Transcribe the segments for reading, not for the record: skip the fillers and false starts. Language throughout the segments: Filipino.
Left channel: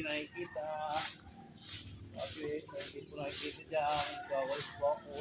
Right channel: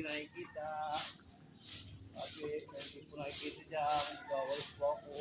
hindi nakikita. Sabi, hindi po nakikita dyan. Gawalis po ako.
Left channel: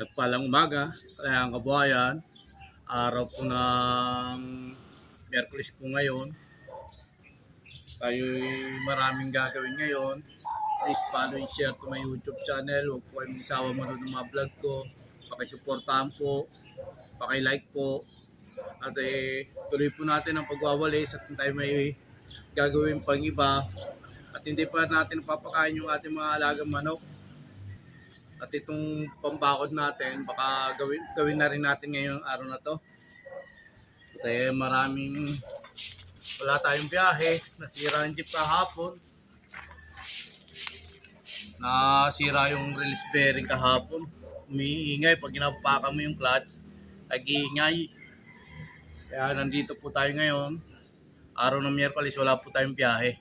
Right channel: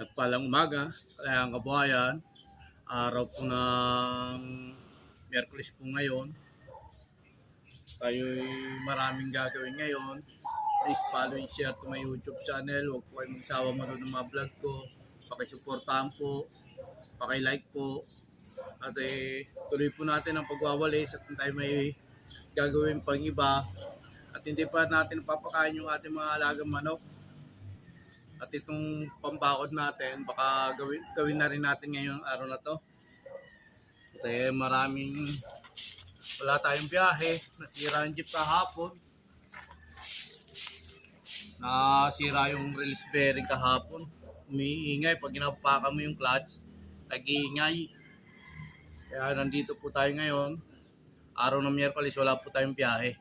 Nagpalang umaga, kaya ang kabuhayan, araw po ng Miyerkules po ngayon. Tayo'y maraming gagawin ngayon. Please follow and share to my YouTube channel. Huwag po kayong magsawa manood ng mga vlog ko. Pakisuportahan po, pakilike po. At tuloy po natin ang pagwawalis at tayo may gagawin pang iba. At hindi pa natin papakain yung ating mga alagang manok. At itong pambakod natin, baka gawin na rin natin ngayong araw na to. Kasi wala tayong biyahe. Nasira ang jeep kahapon. Nasira yung release bearing kahapon. Umiingay pag ginapakan mo yung clutch. Nag-iingay. Kaya nandito po tayo ngayon. Araw ng Miyerkules, wala po tayong biyahe.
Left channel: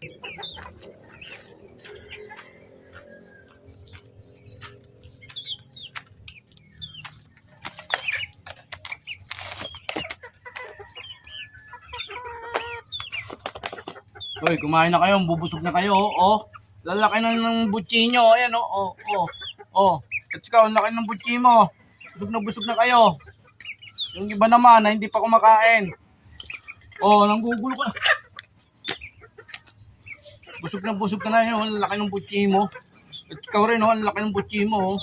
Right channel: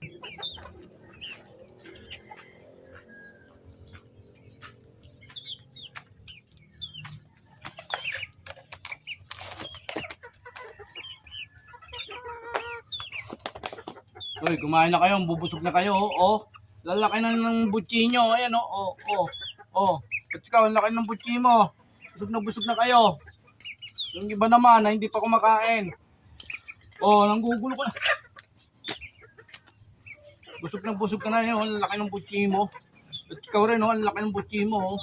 Hoy, kumain na kayo, bubusog na kayo, oh. Lalaki na ng butchi nyo, ayan, oh, oh, oh. At ikaw, ang laki ng butchi mo. Busog na kayo. Yung iba naman na hindi pa kumakain. Oh, nanggugulo ka na. Busog na yun, ang laki ng butchi mo. At ikaw rin, oh, ang laki ng butchi mo, oh.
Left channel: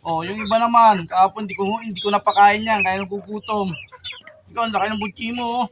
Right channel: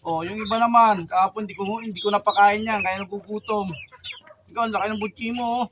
Oh, yung iba naman, kahapon hindi ko napakain yan, kaya nagugutom. Ikaw, ang laki ng butchi mo, oh.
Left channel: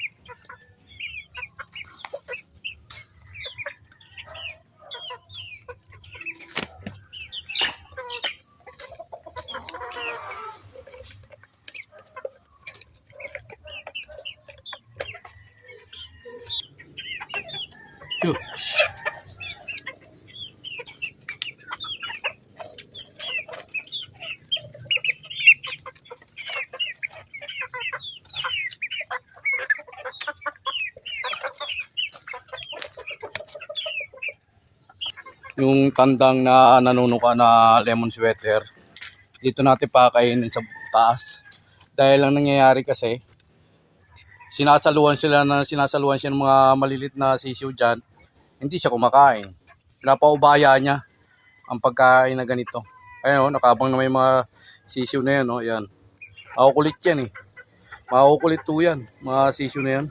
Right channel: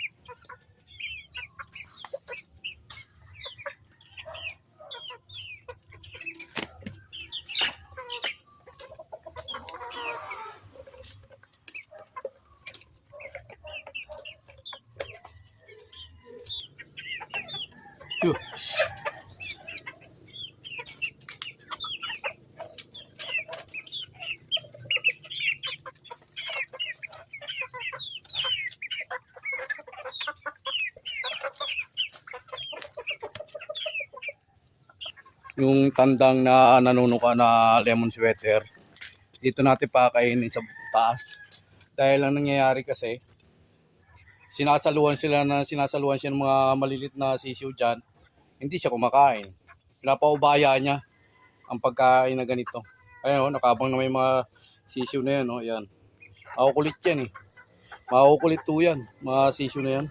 Yung tandang na nanunuka na lemon sweater, dito natin pakainin sa taas. Dahil ang nangyayari kasi, sinasaluhan siya ng mga malilit na sisiw dyan, hindi siya kumakain. Pinapaubaya niya ang pagkain na ganito. Ayun, nakabang na may mga sisiw na yan, oh, yan. Makukulit yan eh. Makukulit to yan, mga sisiw na yan.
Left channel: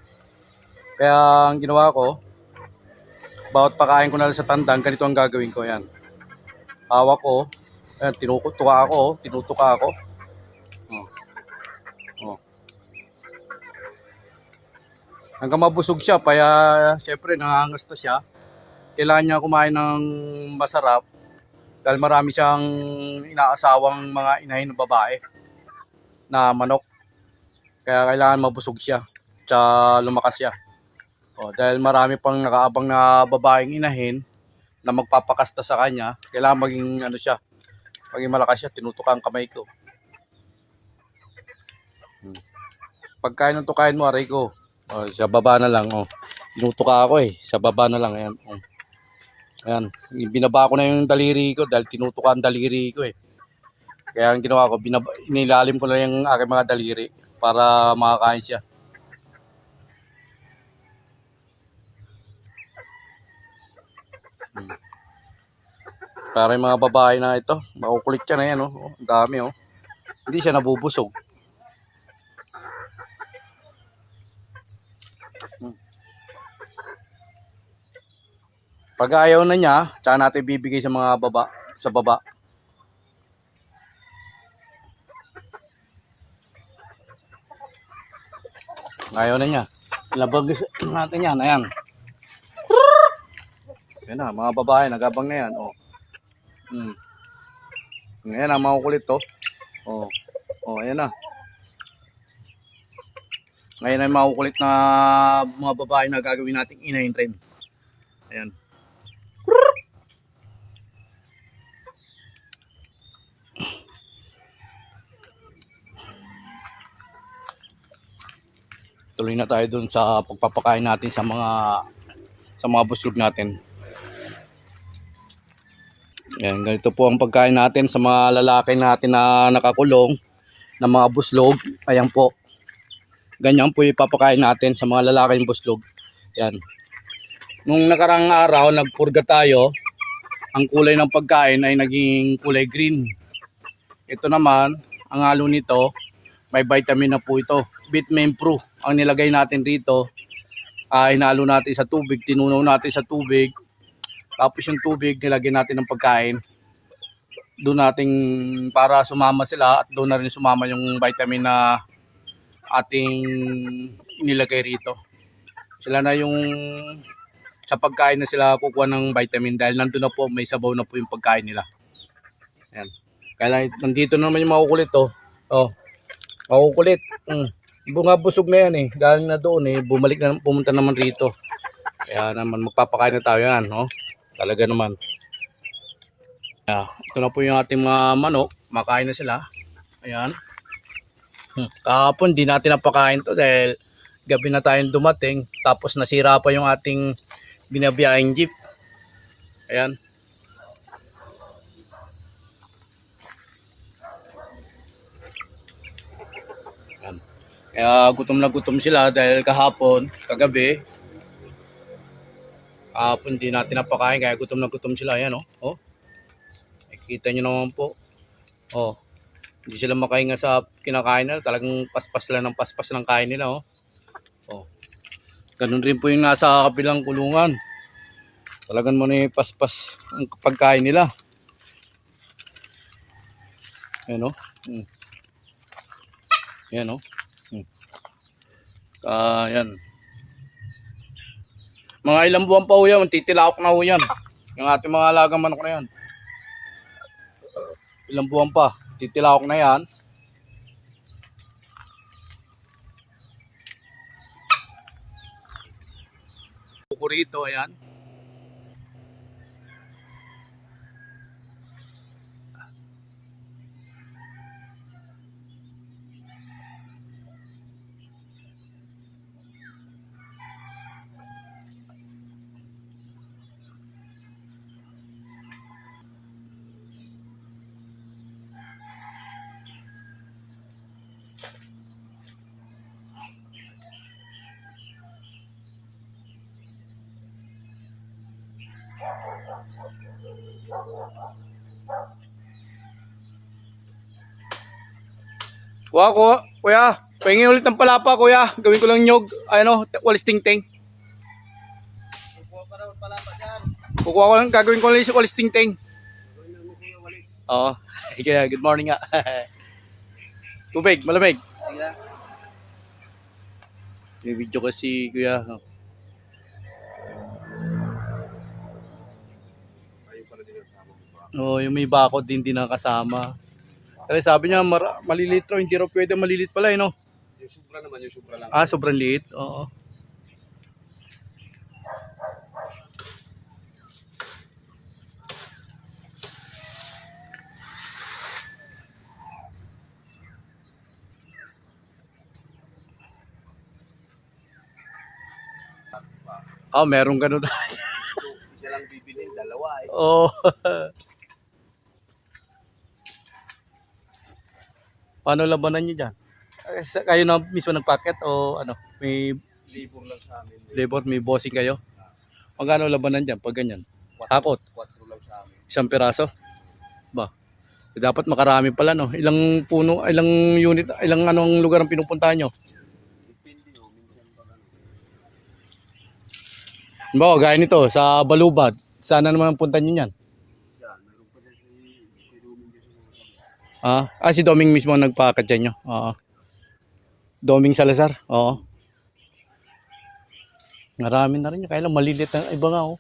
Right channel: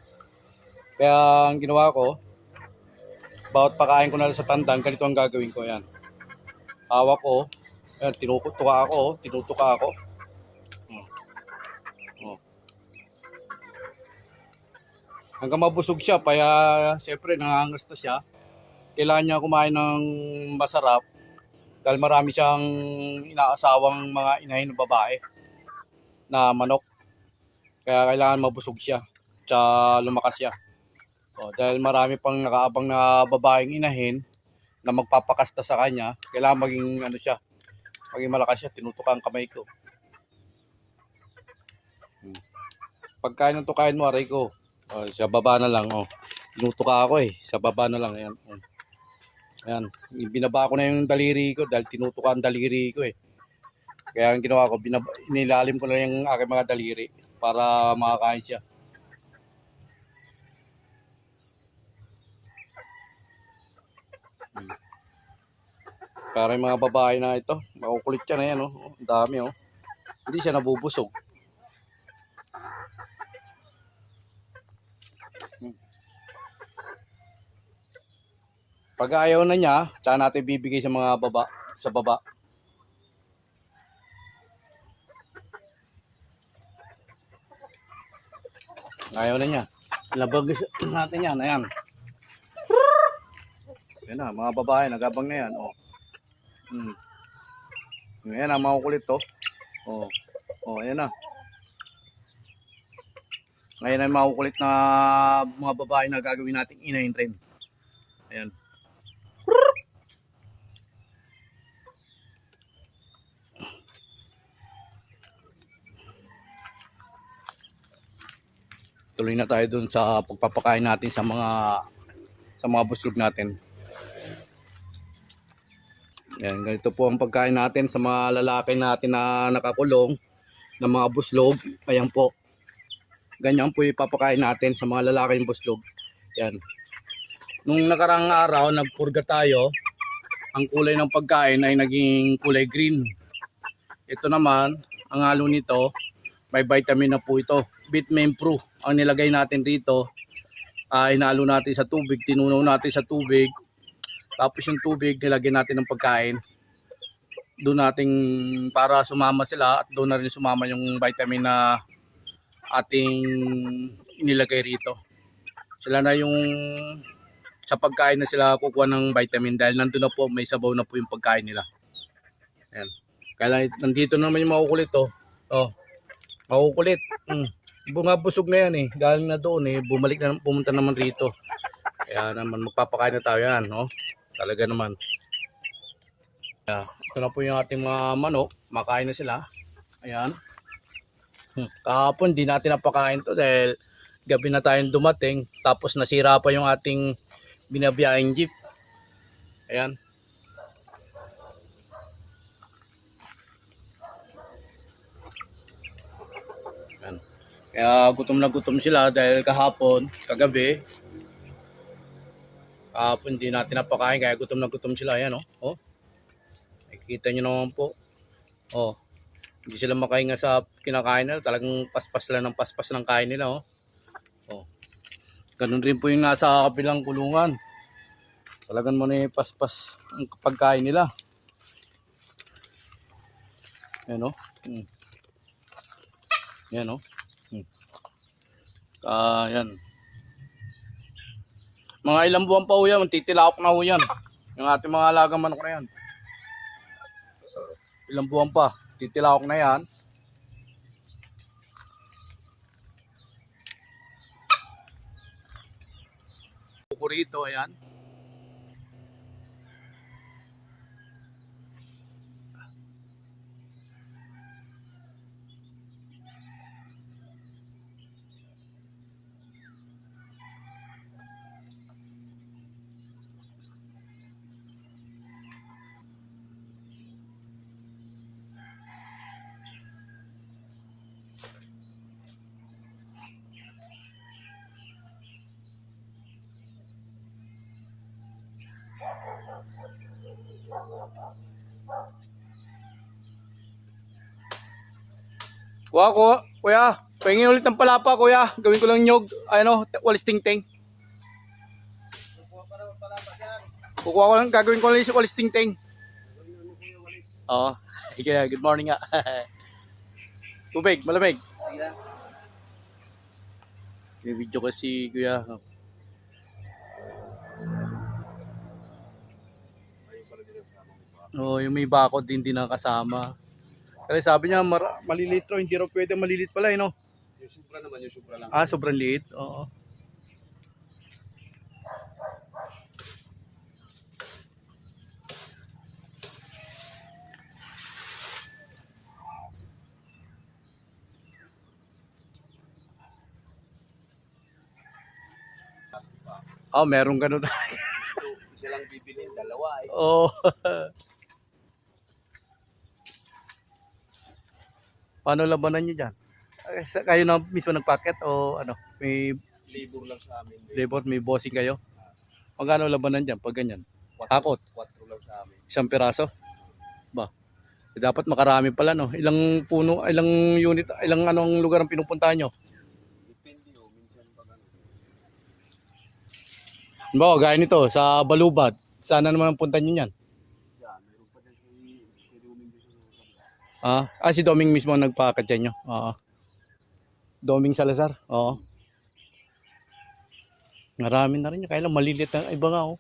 Kaya ang ginawa ko, bawat pakain ko na lang sa tandang, ganito ang gagawin ko, yan. Hawak ko, ayan, tinutuka ako. Oh. Oh. Hanggang mabusog siya, kaya siyempre nangangasta siya. Kailangan niya kumain ng masarap dahil marami siyang inaasawang mga inahin ng babae na manok. Kaya kailangan mabusog siya, tsaka lumakas siya. Oh, dahil marami pang nakaabang na babaeng inahin na magpapakasta sa kanya, kailangan maging ano siya, maging malakas siya. Tinutukan ang kamay ko. Pagkain ng tukain mo, aray ko. Oh, sa baba na lang, oh. Tinutuka ako eh, sa baba na lang, ayan. Oh. Ayan, binaba ko na yung daliri ko dahil tinutuka ang daliri ko eh. Kaya ang ginawa ko, inilalim ko na yung aking mga daliri para makakain siya. Para yung mga babae na ito, makukulit siya na yan, oh. Ang dami, oh. Hindi siya nabubusog. Pag ayaw na niya, tsaka natin bibigay sa mga baba. Ayaw na niya. Labag natin yan, ayan. Yan na, mga babae, nagabang na yan, oh. Ayan na, makukulit to. Oh. Oh, ayan na. Ngayon ay makukulit na mga babae na gagawin nating inahin rin. Ayan. Tuloy na tayo dun sa pagpapakain natin sa mga buslog natin. Yan, ganito po ang pagkain natin sa mga lalaki natin na nakakulong na mga buslog. Ayan po. Ganyan po ipapakain natin sa mga lalaking buslog. Yan. Nung nakarang araw, nagpurga tayo. Ang kulay ng pagkain ay naging kulay green. Ito naman, ang halo nito, may vitamin na po ito. Vitamin Pro ang nilagay natin dito. Hinalo natin sa tubig, tinunaw natin sa tubig. Tapos yung tubig, nilagay natin ng pagkain. Doon natin para sumama sila at doon na rin sumama yung vitamin na ating inilagay rito. Sila na yung sa pagkain na sila kukuha ng vitamin dahil nandun na po, may sabaw na po yung pagkain nila. Ayan. Kaya nandito na naman yung makukulit to. Oh, makukulit. Bunga busog na yan eh. Galing na doon eh. Pumunta naman rito. Kaya naman magpapakain na tayo yan. No? Talaga naman. Yeah. Ito na po yung ating mga manok. Makain na sila. Ayan. Kahapon di natin napakain to dahil gabi na tayong dumating. Tapos nasira pa yung ating binabiyahing jeep. Ayan. Ayan. Kaya gutom na gutom sila dahil kahapon, kagabi, kahapon di natin napakain kaya gutom na gutom sila. Ayan, oh. Oh. Nakikita nyo naman po. Oh. Hindi sila makahinga sa kinakain nila. Talagang paspas lang ng paspas ng kain nila. Oh. Oh. Ganun rin po yung nasa kabilang kulungan. Talagang mo na paspas ang pagkain nila. Ayan, oh. Ayan, oh. Ayan. Mga ilang buwan pa ho yan. Titilaok na ho yan. Yung ating mga alagang manok na yan. Ilang buwan pa. Titilaok na yan. Kukurito, ayan. Kuya, pahingin ulit ng palapa, kuya. Gawin ko lang nyog, ano, walis ting-ting. Kukuha ko lang, gagawin ko lang yung walis ting-ting. Oo. Kaya, good morning nga. Tubig, malamig. May video kasi, kuya. No, yung may bakod din nakasama. Kasi sabi niya maliliit raw, hindi raw pwede maliliit pala no. Yung sobra naman, yung sobra lang. Ah, sobrang liit. Oo. Ah, meron ganun. Siya lang bibilin, dalawa eh. Oo. Paano labanan niyo dyan? Kayo na mismo nagpaket o ano? May Libur lang sa amin. labor, may bossing kayo? Magkano labanan dyan pag ganyan? Hakot? 4 lang sa amin. Isang piraso? Ba? Dapat makarami pala no. Ilang puno, ilang unit, ilang anong lugar ang pinupuntahan nyo? Depende o, minsan pa lang. Ba, gaya nito sa Balubad. Sana naman ang punta nyo yan. Yan, meron pa dyan si Doming dyan. Si Doming mismo ang nagpakat dyan nyo. Oo. Doming Salazar. Oo. Marami na rin yun. Kaya lang malilit na iba nga oh.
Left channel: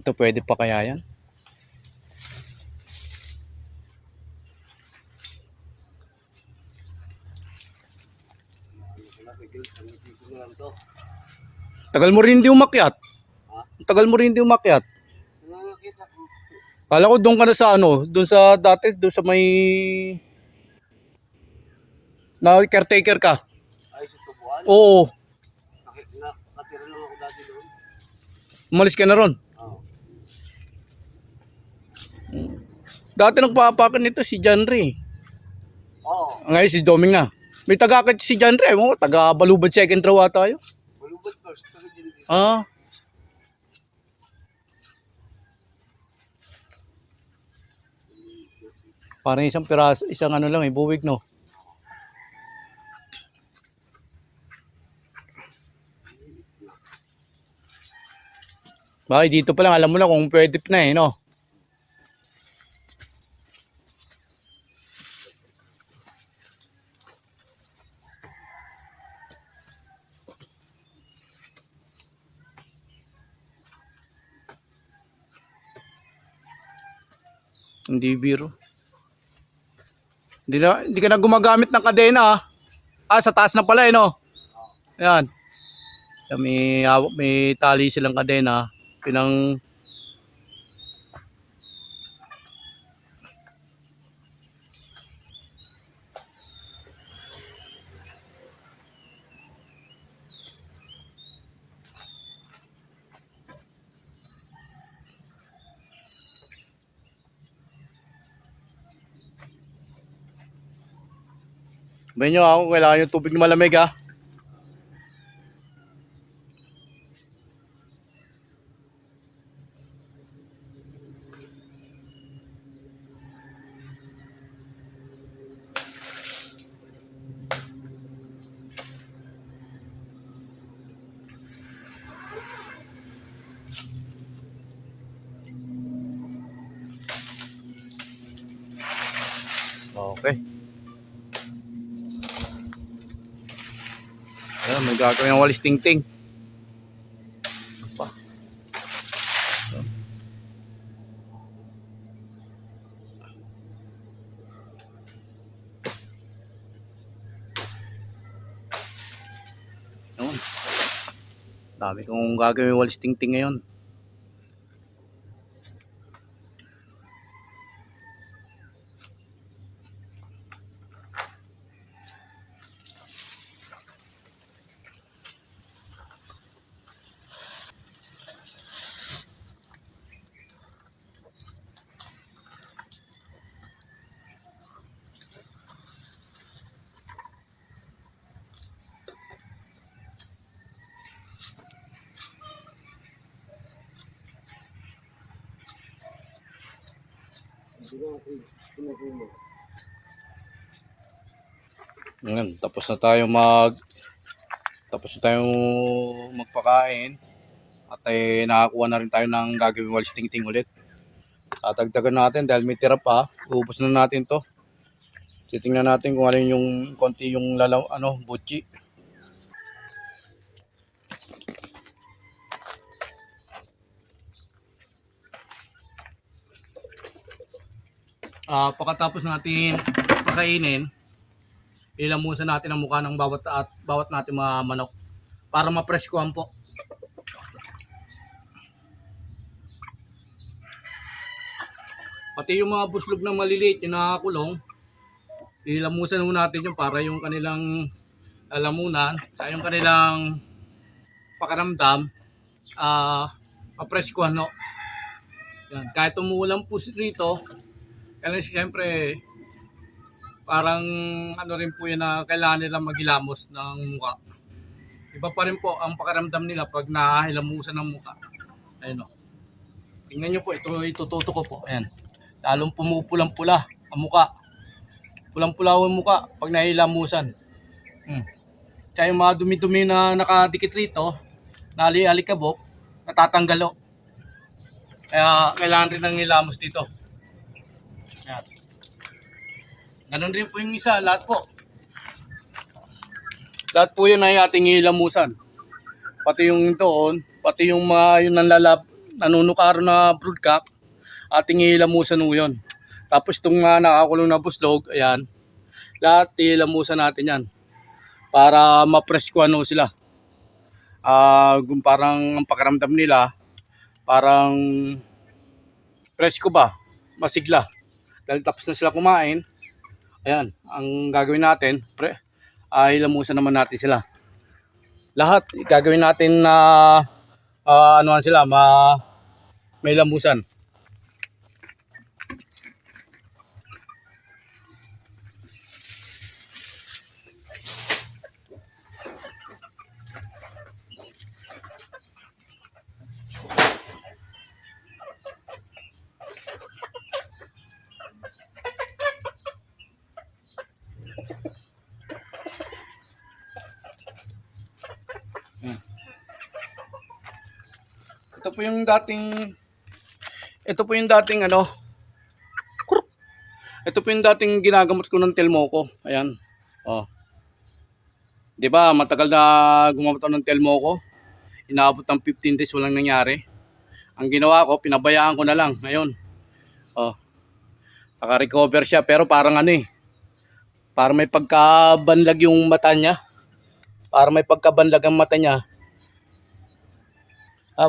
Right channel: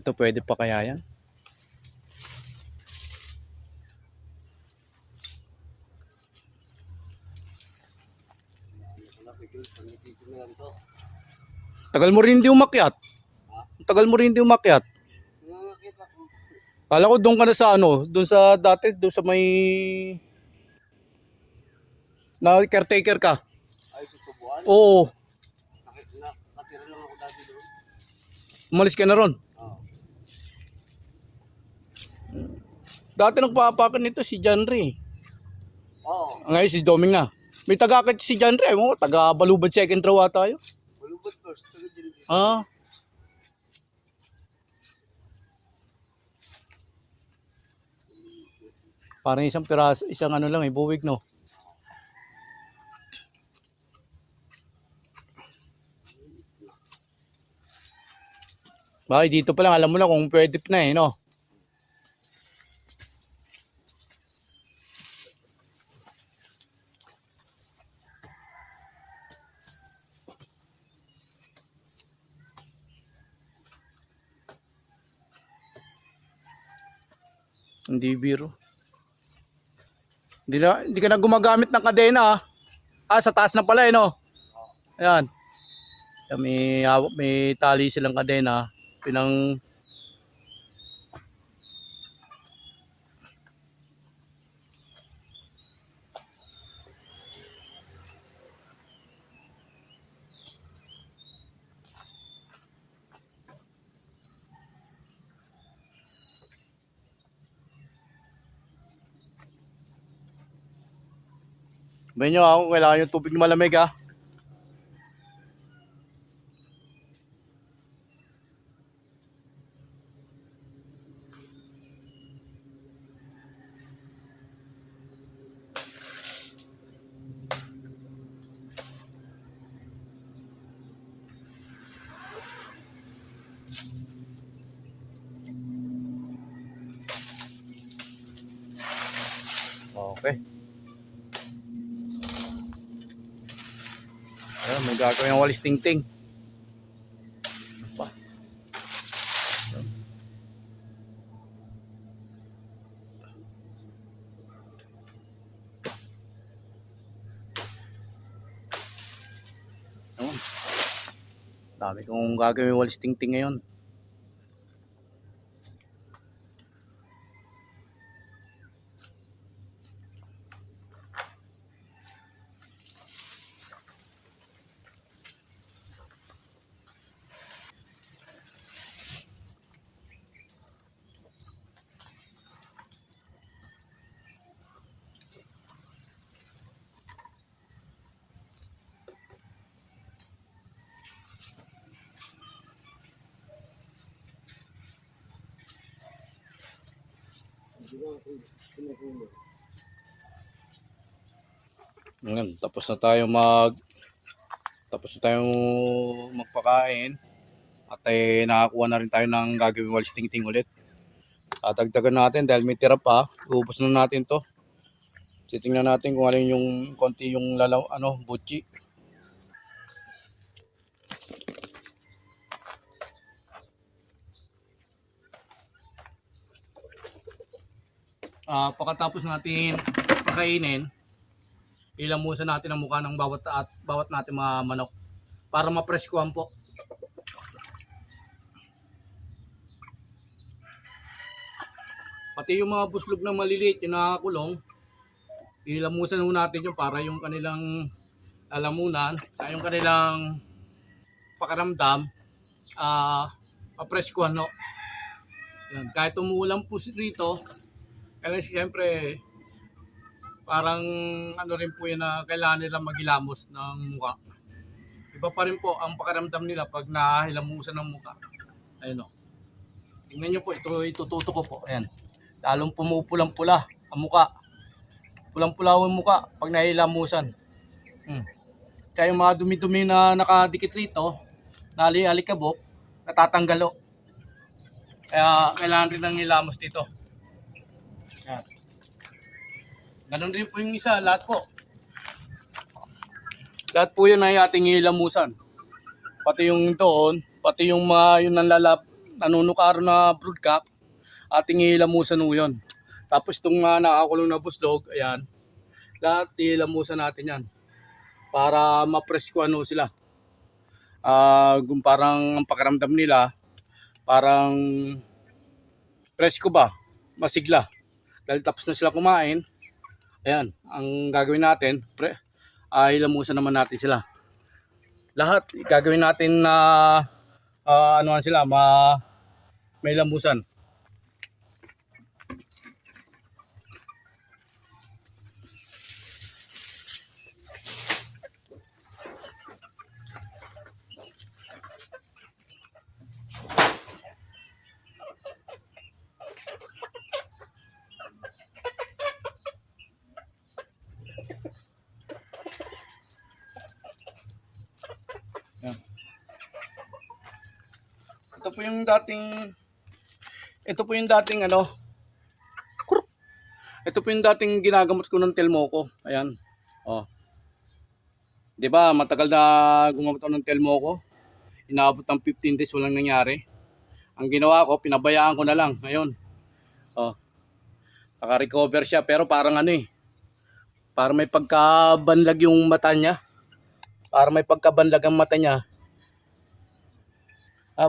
Ito pwede pa kaya yan? Tagal mo rin hindi umakyat. Tagal mo rin hindi umakyat. Nakakita ko. Kala ko doon ka na sa ano, doon sa dati, doon sa may na caretaker ka. Ay, sa Tubuan. Oo, Nakatira lang ako dati doon. umalis ka na ron. Oo. Dati nagpapakan nito si John Ray. Oo. Ngayon si Doming na. May taga-akit si John Ray mo, taga Balubad second row tayo. Balubad first. Taga dyan dito. Ah. Parang isang piraso, isang ano lang, buwig no. Bakit dito pa lang alam mo na kung pwede na no. Hindi biro. Hindi ka na gumagamit ng kadena sa taas na pala no. Ayan. May tali silang kadena. Pinang Sabihin nyo ako, kailangan yung tubig na malamig ha. Okay. Ayan, may gagawin ng walis tingting. Ayan. Dami kong gagawin ng walis tingting ngayon. Ngayon, tapos na tayong magpakain at nakakuha na rin tayo ng gagawing walis tingting ulit. Tatagdagan natin dahil may tira pa. Ubus na natin to. Titingnan natin kung alin yung konti yung butchi. Pagkatapos natin pakainin, ilamusan natin ang mukha ng bawat natin mga manok para mapreskuhan po. Pati yung mga buslog na maliliit, yung nakakulong, ilamusan natin yung para yung kanilang lalamunan, ay yung kanilang pakaramdam, mapreskuhan no. Yan. Kahit umuulan po rito, kasi siyempre parang rin po yun na kailangan nilang maghilamos ng mukha. Iba pa rin po ang pakaramdam nila pag nahilamusan ng mukha. Ayun o. Tingnan nyo po, itututo ko po. Ayan. Lalong pumupulang-pula ang mukha. Pulang-pula ang mukha pag nahilamusan. Kaya yung mga dumi-dumi na nakadikit rito, nali-alikabok, natatanggal o. Kaya kailangan rin ng nilamos dito. Ayan. Ganon rin po yung isa, lahat po. Lahat po yun ay ating ilamusan. Pati yung doon, pati yung mga yung nanunukaro na broodcock, ating ilamusan mo yun. Tapos itong nakakulong na buslog, ayan, lahat ilamusan natin yan. Para mapreskuhan sila. Parang ang pakaramdam nila, parang presko ba, masigla. Dahil tapos na sila kumain, ayan, ang gagawin natin, ilamusan naman natin sila. Lahat gagawin natin na anuhan sila, may lamusan. Yan. Ito po yung dating ito po yung dating ginagamot ko ng Telmoco. Ayan. Oh. 'Di ba, matagal na gumamot ako ng Telmoco. Inaabot ng 15 days walang nangyari. Ang ginawa ko, pinabayaan ko na lang. Ngayon. Oh. Naka-recover siya pero parang parang may pagkabanlag yung mata niya. Parang may pagkabanlag ang mata niya.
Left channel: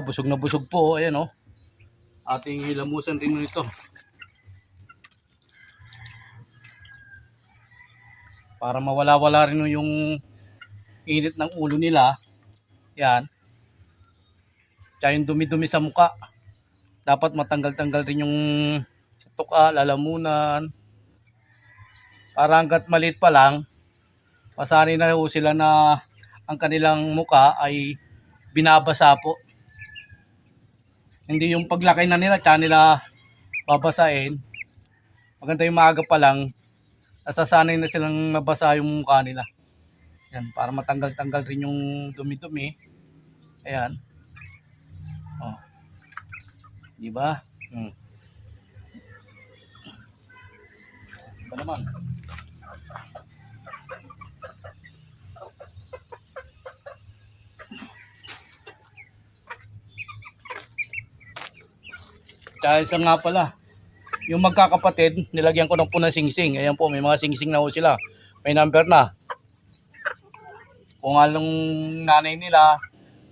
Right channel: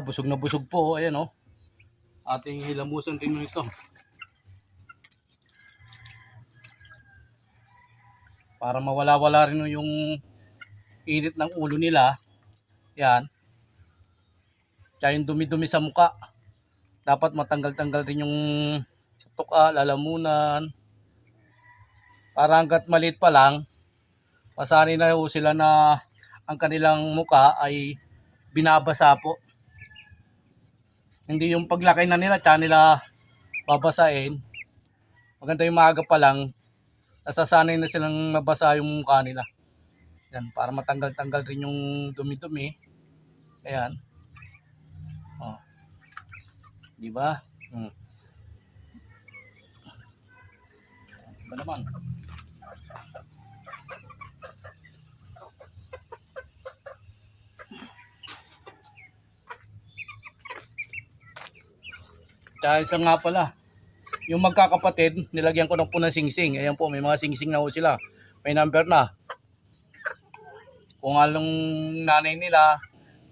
Busog na busog po. Ayan oh. Ating ilamusan din ito. Para mawala-wala rin yung init ng ulo nila. Yan. Tsaka yung dumi-dumi sa muka. Dapat matanggal-tanggal din yung tuka, lalamunan. Para hanggat maliit pa lang, Masanay na ho sila na ang kanilang muka ay binabasa po. Hindi yung paglaki na nila, tsaka nila babasahin. Maganda yung maaga pa lang, nasasanay na silang mabasa yung mukha nila. Yan, para matanggal-tanggal rin yung dumi-dumi. Ayan. Oh. Di ba? Ba naman? Kaya isa nga pala, yung magkakapatid, nilagyan ko ng po ng singsing. Ayan po, may mga singsing na po sila. May number na. Kung anong nanay nila,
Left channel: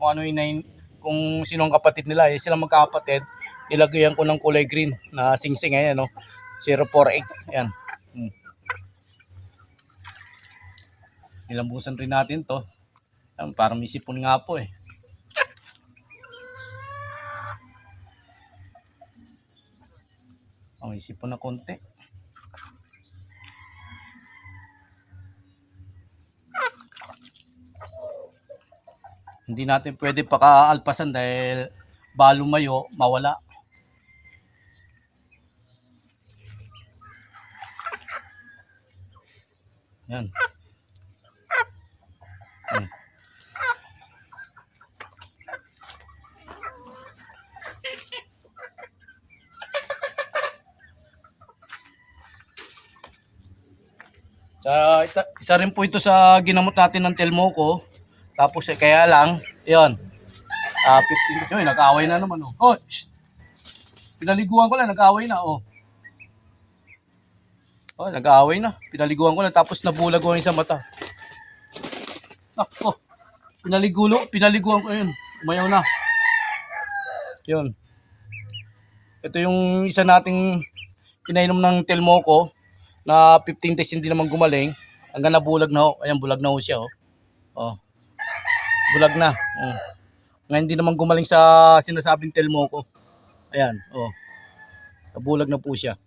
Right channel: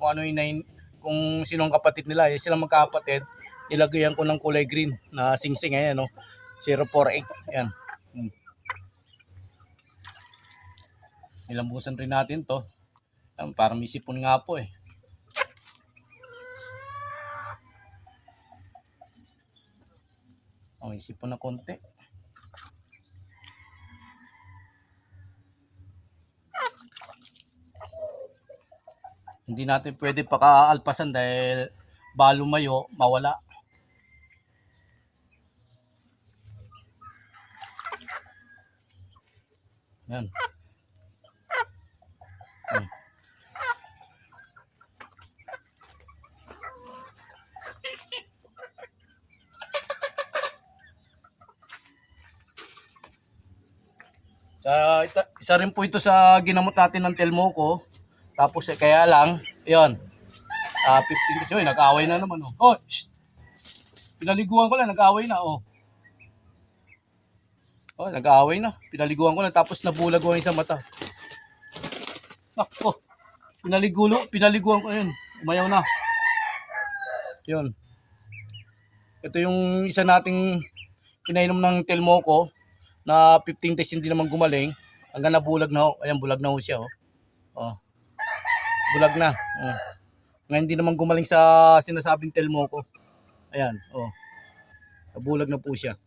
kung ano yung kung sinong kapatid nila, eh, silang magkakapatid, nilagyan ko ng kulay green na singsing. Ayan, no? 048. Ayan. Nilambusan rin natin to. Ayan, parang may sipon nga po eh. Oh, isip po na konti. Hindi natin pwede pakaalpasan dahil balo mayo, mawala. Yan. Isa rin po ito sa ginamot natin ng Telmoco. Tapos kaya lang, yun. 15 kasi nag-away na naman. Oh, pinaliguan ko lang, nag-away na. Oh, nag-away na. Pinaliguan ko lang, tapos nabulag ko sa mata. Ako, pinaliguan ko yun. Umayaw na. Yun. Ito yung isa nating pinainom ng Telmoco na 15 days hindi naman gumaling. Hanggang nabulag na ho. Ayan, bulag na ho siya. Oh. Bulag na. Ngayon hindi naman gumaling sa sinasabing Telmoco. Ayan. Oh. Kabulag na po siya.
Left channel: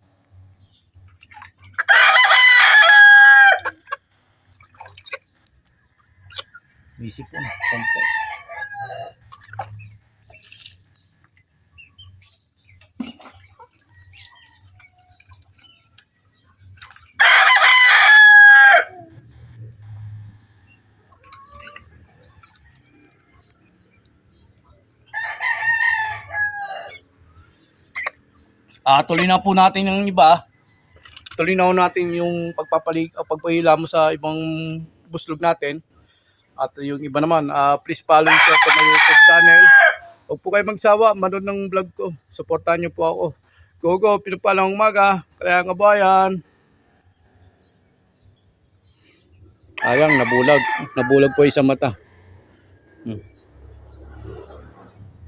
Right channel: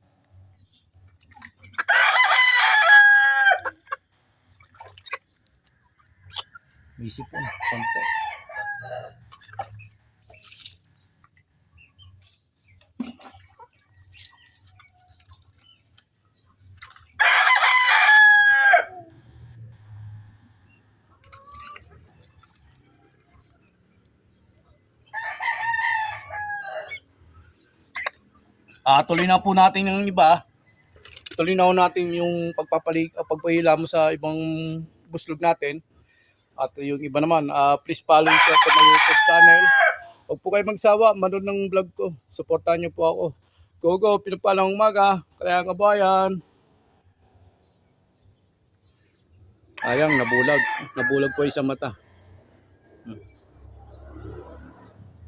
Bisip po. Konti. Tuloy na po natin yung iba. Tuloy na po natin yung pagpapahila mo sa ibang buslog natin. At yung iba naman, please follow sa YouTube channel. Huwag po kayo magsawa, manood ng vlog ko. Supportahan niyo po ako. Go, pinapalang umaga. Kaya nga bayan. Ayang, nabulag. Nabulag po yung sa mata.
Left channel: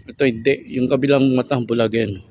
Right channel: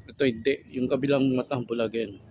Ito hindi. Yung kabilang mata, bulag yan.